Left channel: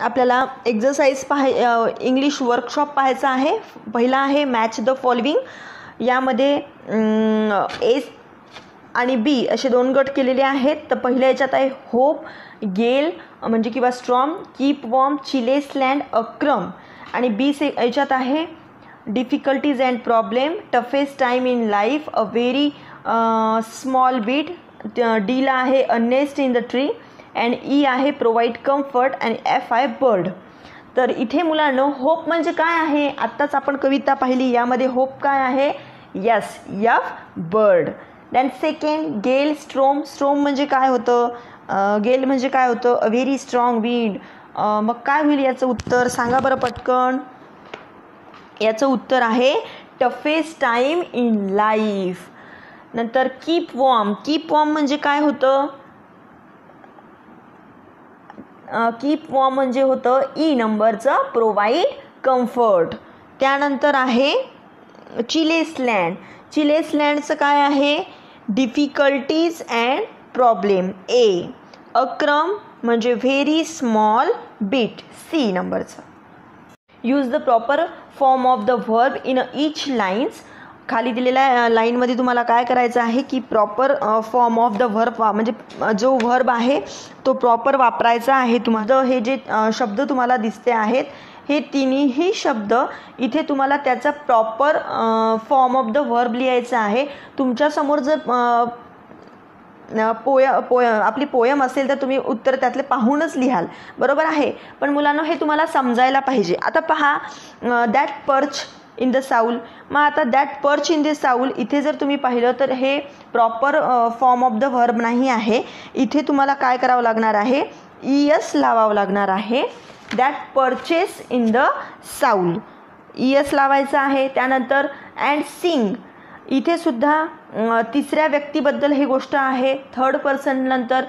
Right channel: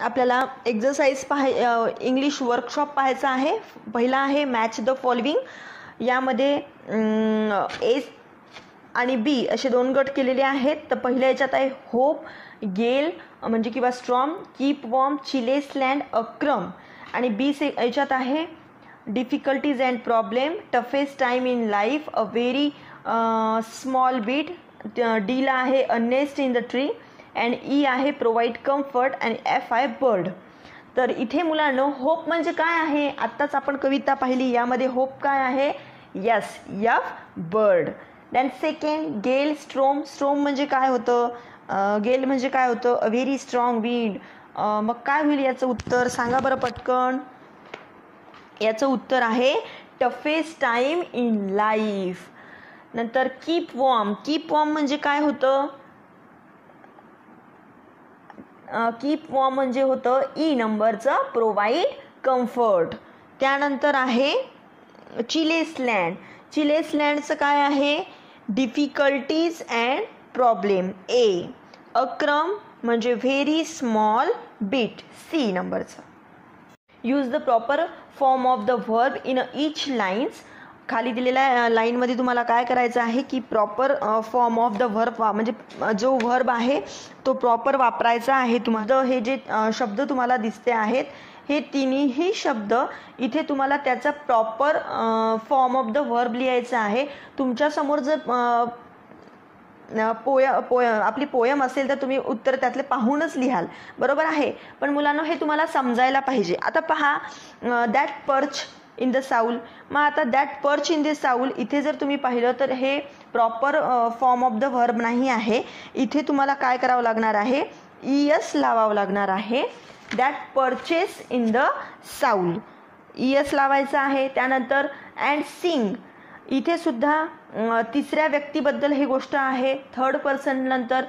आपल्याला exercise English workshop पाहायचा आहे. पहिला आहे मॅच द फॉलोइंग. यामध्ये ए आणि बी असे 2 गट केलेले आहेत. तर पहिल्या याच्यात आहे होप, गेल म्हणजे किंवा storm, keep warm, chillest land, a crumb. आणि बी याच्यात आहे difficulties and problem, toughest time in life, a very small bit. डीला आहे a nest in the tree. And E आहे प्रोव्हाइड कम्फर्ट. आणि एफ आहे बर्ड. तर इथे मुलांनो होप म्हणजे काय आहे, आत्ताच आपण कविता पाहिली. यामध्ये होप काय आहे, yes, F bird. Than second गेल, स्ट्रोम. स्ट्रोम म्हणजे काय होतं, गेल म्हणजे काय होतं, अ व्हेरी स्ट्रॉंग विंड. मग काय होईल याचं उत्तर सांगा बरं पटकन. याचं उत्तर आहे टफेस्ट टाइम इन लाईफ. नंतर कीप वॉर्म. कीप वॉर्म म्हणजे काय होतं, कीप वॉर्म म्हणजे होतं ई नंबरचं प्रोव्हाइड कम्फर्ट. त्यानंतर आहे चिलेस लँड. चिलेस लँडचं काय आहे, डिफिकल्टीज अँड प्रॉब्लेम ए. अक्रम म्हणजे व्हेरी स्मॉल बीट सी नंबरचं. Use the proper form of the verb in each lines. खाली दिलेल्या लाईनमध्ये तुम्हाला काय करायचं आहे की proper form of the verb म्हणजे जो व्हर्ब आहे तो प्रॉपर वापरायचा आहे. तुम्हाला हे जे शब्द तुम्हाला दिसते आहेत हे तिन्ही शब्द इथे तुम्हाला त्याचा proper form of the verb लिहायचा आहे. तुमच्यासमोर जर आपली पोयम असेल तर तुम्ही उत्तर त्यातले पाहूनच लिहाल, बरोबर आहे. पण मुलांनो हे तुम्हाला समजायला पाहिजे. आता पहा दॅट पर्च इन द साऊल. मग आता दॅट पर्च इन द साऊल इथे जर तुम्ही पाहिलं तर हे proper form of the verb नाही आहे. इथे तुम्हाला काय करावं लागणार आहे, ईएस लावावं लागणार आहे. दॅट पर्चेस इन द साऊल ईएस लावायचं आहे. त्यानंतर अँड सिंग. इथे सुद्धा तिसऱ्या व्यक्तीबद्दल ही गोष्ट आहे. थर्ड पर्सन नंतर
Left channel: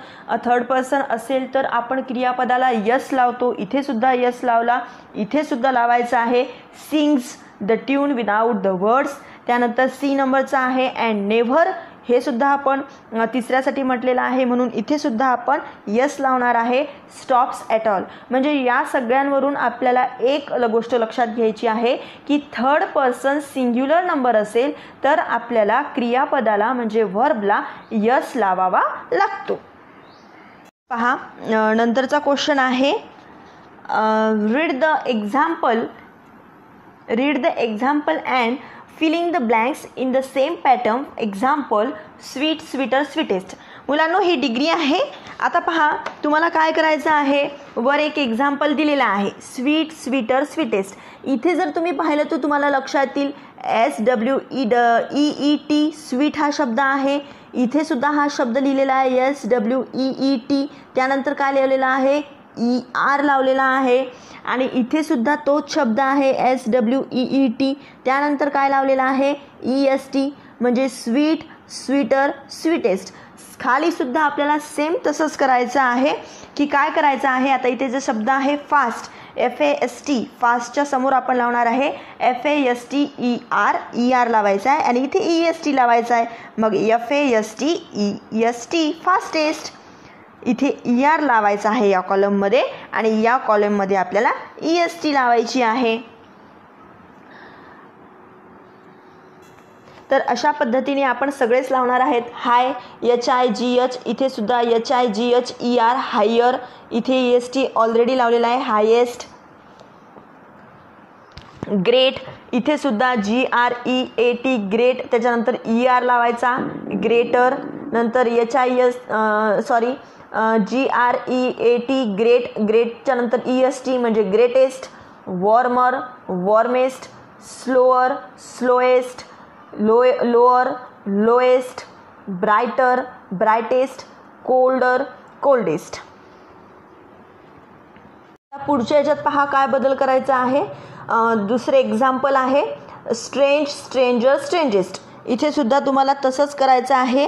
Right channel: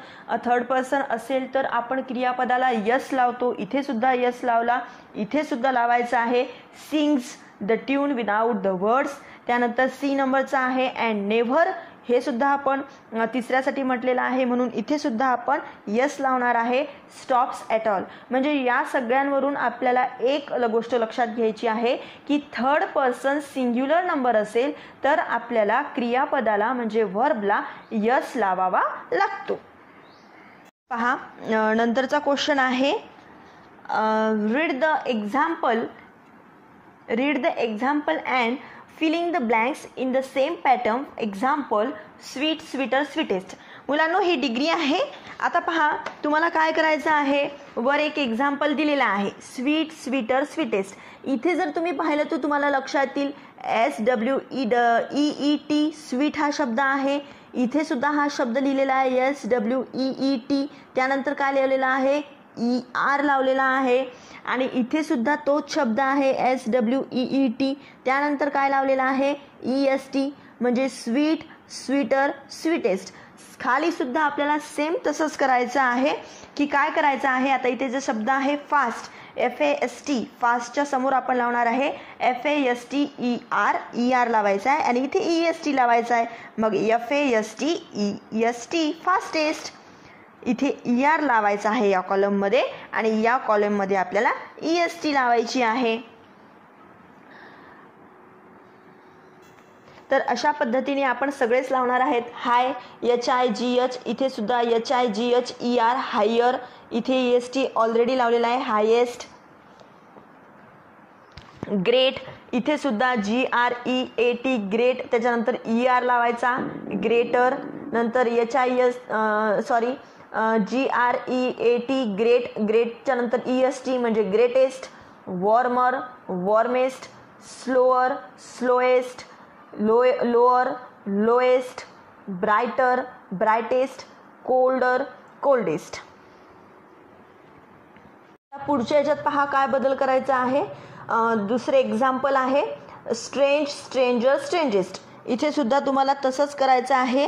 थर्ड पर्सन असेल तर आपण क्रियापदाला यस लावतो. इथे सुद्धा यस लावला. इथे सुद्धा लावायचं आहे sings the tune without the words. त्यानंतर सी नंबरचा आहे अँड नेव्हर. हे सुद्धा आपण तिसऱ्यासाठी म्हटलेलं आहे म्हणून इथे सुद्धा आपण यस लावणार आहे. Stops at all. म्हणजे या सगळ्यांवरून आपल्याला एक गोष्ट लक्षात घ्यायची आहे की थर्ड पर्सन सिंग्युलर नंबर असेल तर आपल्याला क्रियापदाला म्हणजे व्हर्बला यस लावावा लागतो. पहा नंतरचा क्वेश्चन आहे read the example. Read the example and filling the blanks in the same pattern. Example sweet, sweeter, sweetest. मुलांनो ही डिग्री आहे. आता पहा तुम्हाला काय करायचं आहे, वर एक एक्झाम्पल दिलेला आहे स्वीट, स्वीटर, स्वीटेस्ट. इथे जर तुम्ही पाहिलं तर तुम्हाला लक्षात येईल SWEET स्वीट हा शब्द आहे. इथे सुद्धा हा शब्द लिहिलेला आहे SWEET. त्यानंतर काय लिहिलेला आहे, ER लावलेला आहे. आणि इथे सुद्धा तोच शब्द आहे SWEET. त्यानंतर काय लावलेला आहे EST म्हणजे स्वीट, स्वीटर, स्वीटेस्ट. खाली सुद्धा आपल्याला सेम तसंच करायचं आहे की काय करायचं आहे. आता इथे जे शब्द आहे फास्ट, FAST, फास्टच्या समोर आपण लावणार आहे FASTER लावायचा आहे आणि इथे EST लावायचा आहे. मग FASTEST फास्टेस्ट. इथे ER लावायचा आहे या कॉलममध्ये आणि या कॉलममध्ये आपल्याला EST लावायची आहे. तर अशा पद्धतीने आपण सगळेच लावणार आहेत. हाय HIGH. इथे सुद्धा HIGHER हायर. इथे EST ऑलरेडी लावलेला आहे हायेस्ट. ग्रेट. इथे सुद्धा GREAT ग्रेट. त्याच्यानंतर ER लावायचा ग्रेटर. नंतर GREAT ग्रेट. ग्रेटच्या नंतर EST म्हणजे greatest. Warmer, warmest. Slower, slowest. Lower, lowest. Brighter, brightest. Colder, coldest. पुढच्या याच्यात पहा काय बदल करायचा आहे. दुसरे एक्झाम्पल आहे स्ट्रेंज, स्ट्रेंजर, स्ट्रेंजेस्ट. इथे सुद्धा तुम्हाला तसंच करायचं आहे.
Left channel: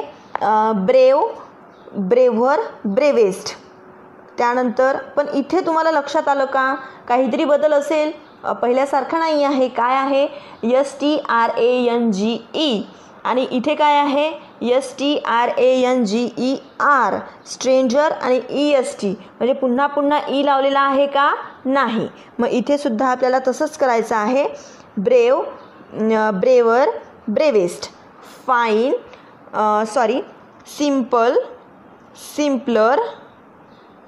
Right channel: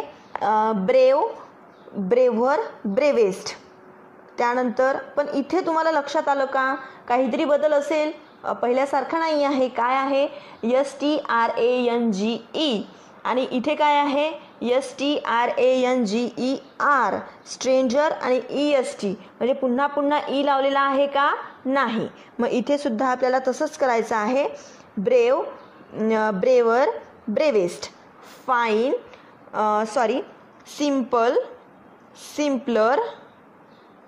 Brave, braver, bravest. त्यानंतर पण इथे तुम्हाला लक्षात आलं का काहीतरी बदल असेल, पहिल्यासारखं नाही आहे. काय आहे STRANGE आणि इथे काय आहे STRANGER. स्ट्रेंजर आणि EST म्हणजे पुन्हा पुन्हा ई लावलेला आहे का नाही. मग इथे सुद्धा आपल्याला तसंच करायचं आहे. Brave, braver, bravest. Fine, simple, simpler,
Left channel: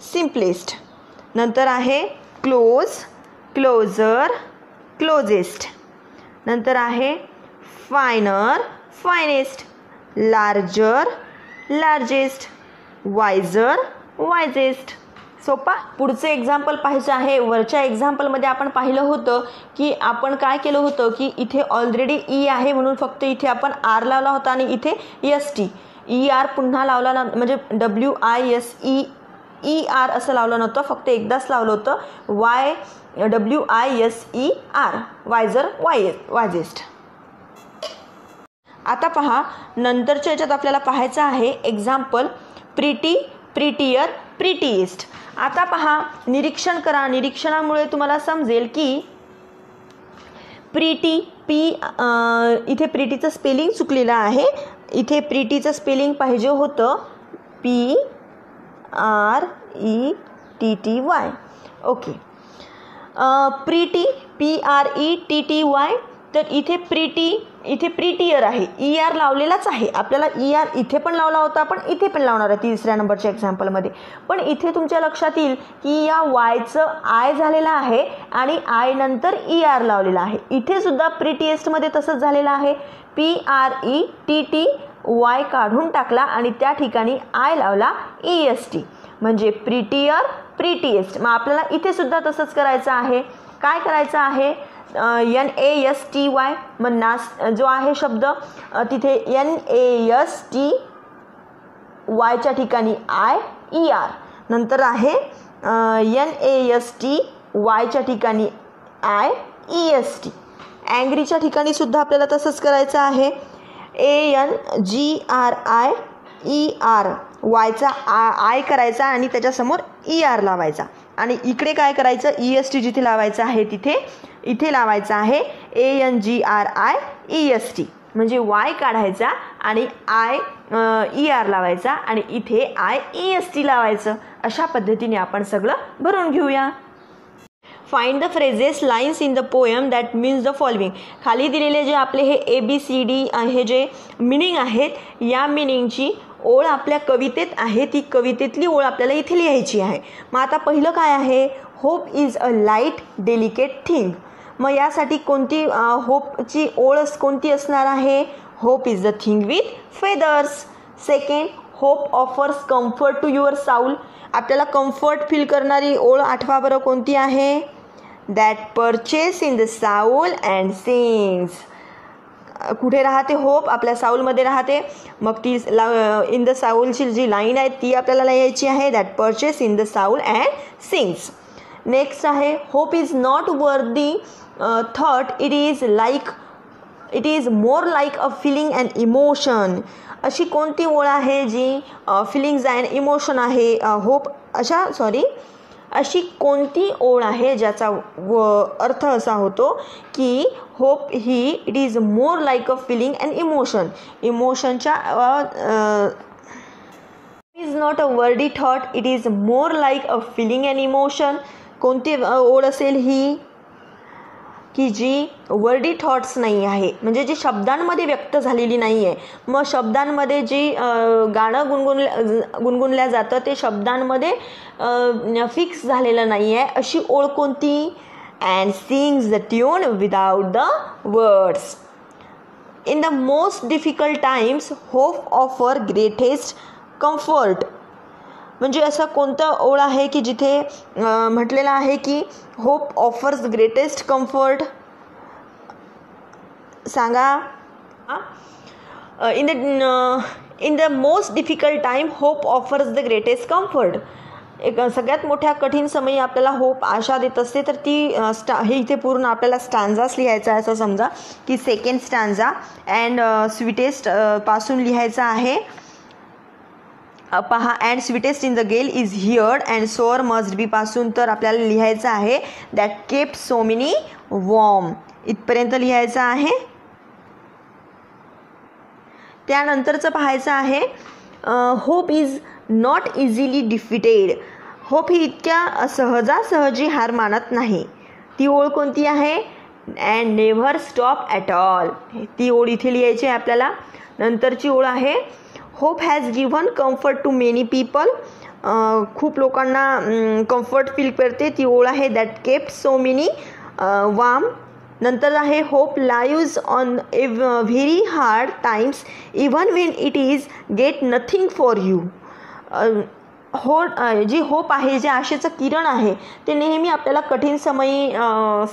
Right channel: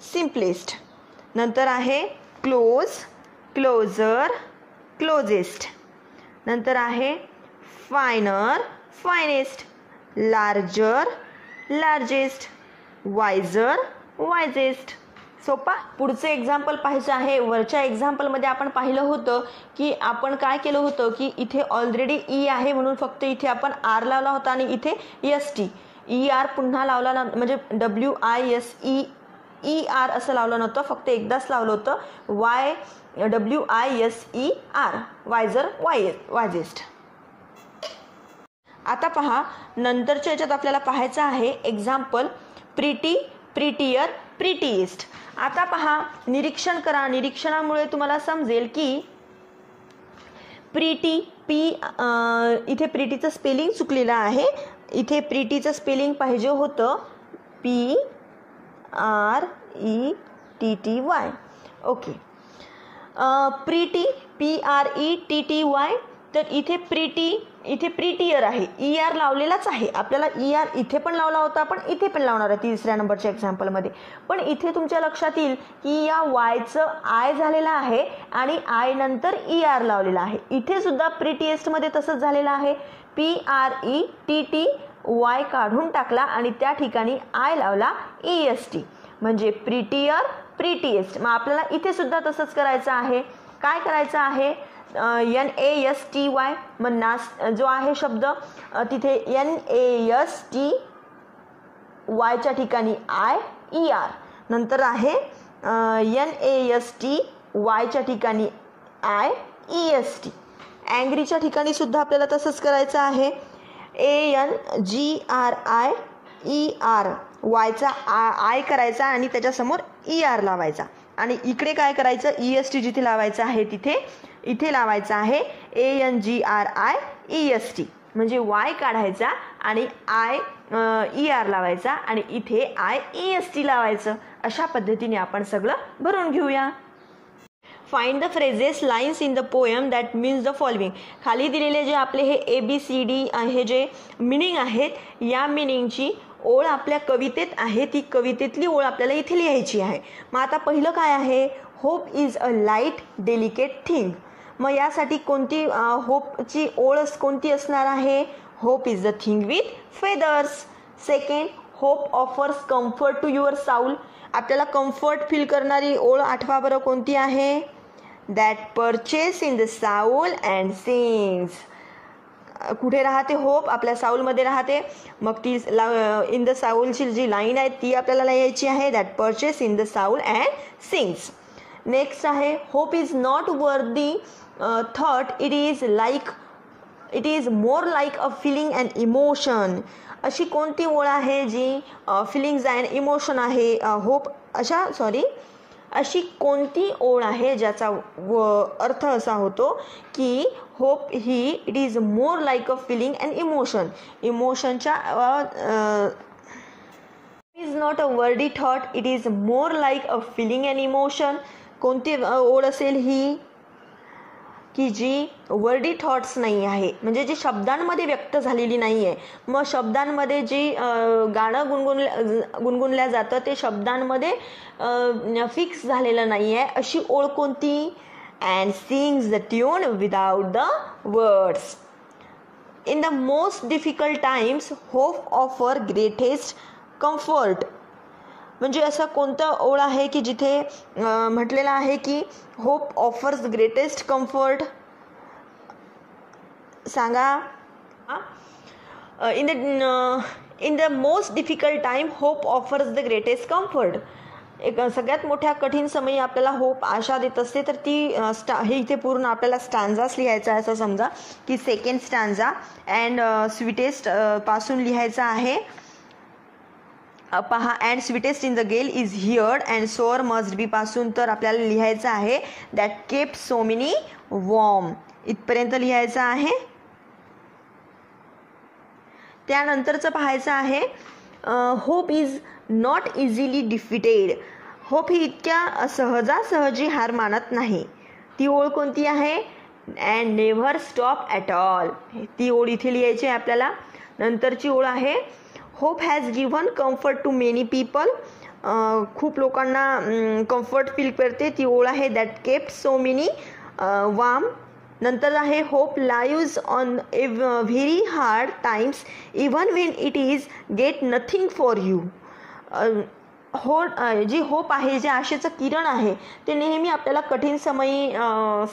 simplest. नंतर आहे क्लोज, क्लोजर, क्लोजेस्ट. नंतर आहे finer, finest. Larger, largest. Wiser, wisest. सोपा. पुढचं एक्झाम्पल पाहायचं आहे. वरच्या एक्झाम्पलमध्ये आपण पाहिलं होतं की आपण काय केलं होतं की इथे ऑलरेडी ई आहे म्हणून फक्त इथे आपण आर लावला होता आणि इथे ST. ER पुन्हा लावला ना, म्हणजे WISER असं लावलं नव्हतं, फक्त एकदाच लावलं होतं. WISER, वायझर, वायजेस्ट. आता पहा, नंतरच्या याच्यात आपल्याला पाहायचं आहे एक्झाम्पल प्रिटी, प्रिटियर, प्रिटीएस्ट. आता पहा, निरीक्षण करा. निरीक्षणामुळे तुम्हाला समजेल की प्रिटी, इथे प्रिटीचं स्पेलिंग चुकलेलं आहे. इथे प्रिटीचं स्पेलिंग पाहिजे होतं PRETTY. ओके. Pretty, PRETTY. तर इथे प्रिटी, इथे प्रिटियर आहे. ER लावलेलाच आहे. आपल्याला ER इथे पण लावला होता, पण इथे पण लावणार आहे 3ऱ्या नंबरच्या एक्झाम्पलमध्ये. पण इथे तुमच्या लक्षात येईल की या वायचं आय झालेलं आहे आणि आय नंतर ER लावलेला आहे. इथे सुद्धा प्रिटिएस्टमध्ये तसंच झालेलं आहे. PRETTY काढून टाकला आणि त्या ठिकाणी आय लावला EST, म्हणजे प्रिटियर, प्रिटिएस्ट. मग आपल्याला इथे सुद्धा तसंच करायचं आहे. काय करायचं आहे? NASTY. मग नास जो आहे शब्द तिथे NASTY च्या ठिकाणी IER. नंतर आहे NASTY च्या ठिकाणी IEST. अँग्रीच्या ठिकाणी सुद्धा आपल्याला तसंच करायचं आहे. ANGRIER. वायचा आय करायचा आणि त्याच्यासमोर ER लावायचा. आणि इकडे काय करायचं? EST जिथे लावायचं आहे तिथे इथे लावायचं आहे ANGRIEST, म्हणजे वाय काढायचा आणि IER लावायचा आणि इथे IEST लावायचं. अशा पद्धतीने आपण सगळं भरून घेऊया. Find the phrases, lines in the poem that means the following. खाली दिलेले जे आपले हे ABCD हे जे मिनिंग आहेत, या मिनिंगची ओळ आपल्या कवितेत आहे. ती कवितेतली ओळ आपल्याला इथे लिहायची आहे. मग आता पहिलं काय आहे? Hope is a light delicate thing. मग यासाठी कोणती होपची ओळ कोणती असणार आहे? Hope is the thing with feathers. Second, hope offers comfort to your soul. आपल्याला कम्फर्ट फील करणारी ओळ आठवा बरं कोणती आहे? That perches in the soul and sings. कुठे राहते होप? आपल्या साऊलमध्ये राहते. मग ती इन द साऊलची जी लाईन आहे ती आपल्याला लिहायची आहे. That perches in the soul and sings. Next आहे hope is not worthy thought, it is more like a feeling and emotion. अशी कोणती ओळ आहे जी फिलिंग्स अँड इमोशन आहे? होप अशी कोणती ओळ आहे ज्याचा अर्थ असा होतो की होप ही it is more like a feeling and emotion. इमोशनच्या is not a wordy thought, it is more like a feeling and emotion. कोणती ओळ असेल ही की जी वर्डी थॉट्स नाही आहे, म्हणजे जी शब्दांमध्ये व्यक्त झालेली नाही आहे. मग शब्दांमध्ये जी गाणं गुणगुणल्या जातं ते शब्दांमध्ये फिक्स झालेलं नाही आहे, अशी ओळ कोणती? And sings the tune without the words. In the most difficult times hope offer greatest comfort. म्हणजे असं कोणतं ओळ आहे की जिथे म्हटलेलं आहे की होप ऑफर्स ग्रेटेस्ट कम्फर्ट? सांगा. In the most difficult time hope offers the greatest comfort. एक सगळ्यात मोठ्या कठीण समयी आपल्याला होप आशा देत असते. तर ती हे इथे पूर्ण आपल्याला स्टॅन्झाच लिहायचा आहे. असं समजा की सेकंड स्टॅन्झा अँड स्वीटेस्ट पासून लिहायचा आहे. पहा, and sweetest in the gale is heard and sore must be पासून तर आपल्याला लिहायचं आहे that kept so many warm. इथपर्यंत लिहायचं आहे. त्यानंतरचं पाहायचं आहे hope is not easily defeated. Hope ही इतक्या सहजासहजी हार मानत नाही. ती ओळ कोणती आहे? And never stop at all. ती ओळ इथे लिहायची आहे आपल्याला. नंतरची ओळ आहे hope has given comfort to many people. खूप लोकांना कम्फर्ट फील करते. ती ओळ आहे that kept so many warm. नंतर आहे hope lives on a very hard times even when it is get nothing for you. जी होप आहे, जे आशेचं किरण आहे, ते नेहमी आपल्याला कठीण समयी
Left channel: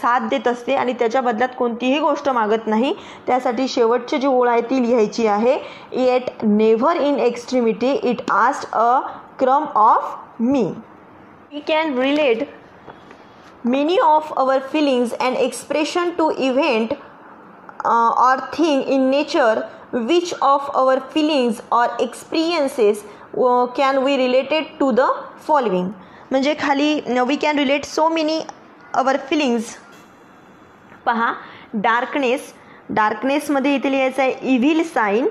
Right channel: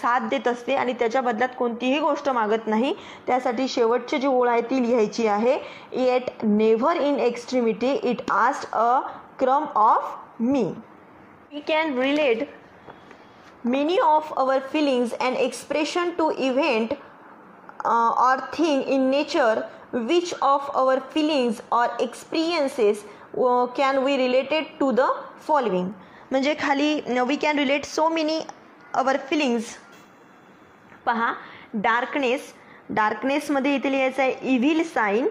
साथ देत असते आणि त्याच्या बदल्यात कोणतीही गोष्ट मागत नाही. त्यासाठी शेवटची जी ओळ आहे ती लिहायची आहे yet never in extremity it asked a crumb of me. We can relate many of our feelings and expression to event or thing in nature. Which of our feelings or experiences can we related to the following? म्हणजे खाली we can relate so many our feelings. पहा, darkness मध्ये इथे लिहायचं आहे evil sign.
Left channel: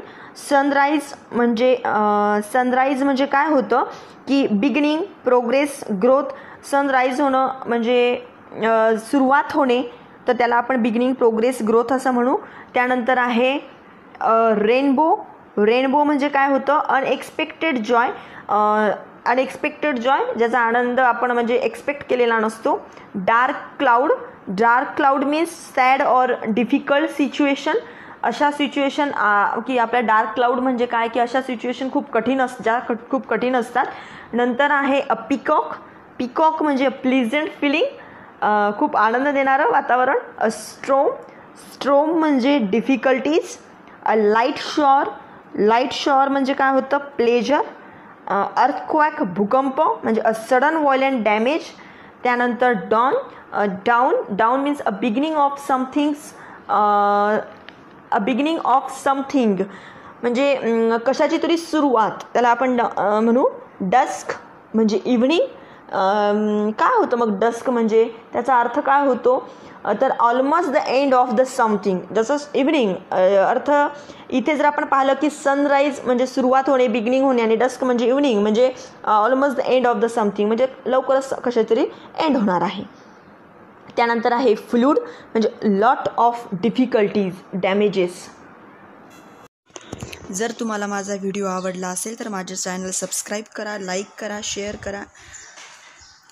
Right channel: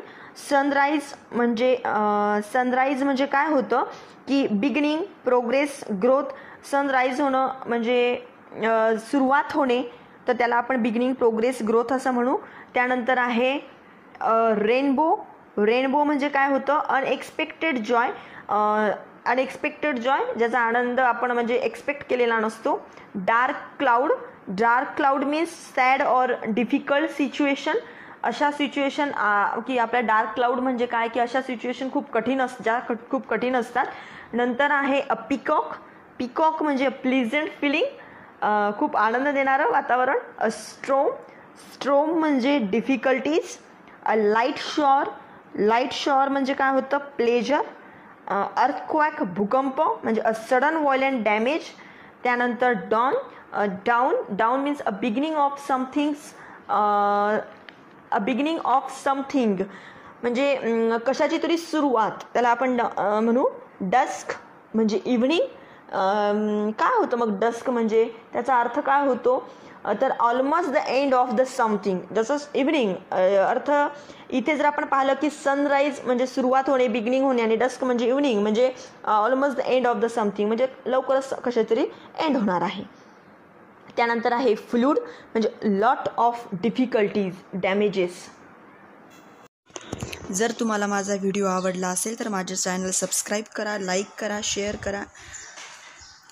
Sunrise म्हणजे काय होतं की बिगिनिंग, प्रोग्रेस, ग्रोथ. सनराइज होणं म्हणजे सुरुवात होणे, तर त्याला आपण बिगिनिंग, प्रोग्रेस, ग्रोथ असं म्हणू. त्यानंतर आहे रेनबो म्हणजे काय होतं? अनएक्सपेक्टेड जॉय, ज्याचा आनंद आपण म्हणजे एक्सपेक्ट केलेला नसतो. Dark cloud means sad or difficult situation. अशा सिच्युएशन की आपल्या डार्क क्लाउड म्हणजे काय की अशा सिच्युएशन खूप कठीण असतात. नंतर आहे अ पिकॉक म्हणजे प्लीझंट फिलिंग, खूप आनंद देणारं वातावरण. अ स्ट्रोम म्हणजे डिफिकल्टीज. अ लाईट शॉर म्हणजे काय होतं? प्लेजर. अर्थक्वॅक भूकंप म्हणजे अ सडन व्हायलेंट डॅमेज. त्यानंतर down means a beginning of something म्हणजे कशाची तरी सुरुवात, त्याला आपण म्हणू. डस्क म्हणजे इव्हनिंग. काय होतं मग डस्क म्हणजे? त्याचा अर्थ काय होतो? तर almost the end of the something. जसं इव्हनिंग अर्थ इथे जर आपण पाहिलं की सनराईज म्हणजे सुरुवात होणे, बिगिनिंग होणे, आणि डस्क म्हणजे इव्हनिंग म्हणजे almost the end of the something म्हणजे लवकरच कशा तरी एंड होणार आहे. त्यानंतर आहे फ्लूड म्हणजे लॉट ऑफ डिफिकल्टीज, डॅमेजेस. जर तुम्हाला माझा व्हिडिओ आवडला असेल तर माझे चॅनल सबस्क्राईब करा, लाईक करा, शेअर करा.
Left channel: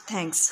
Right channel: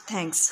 थँक्स.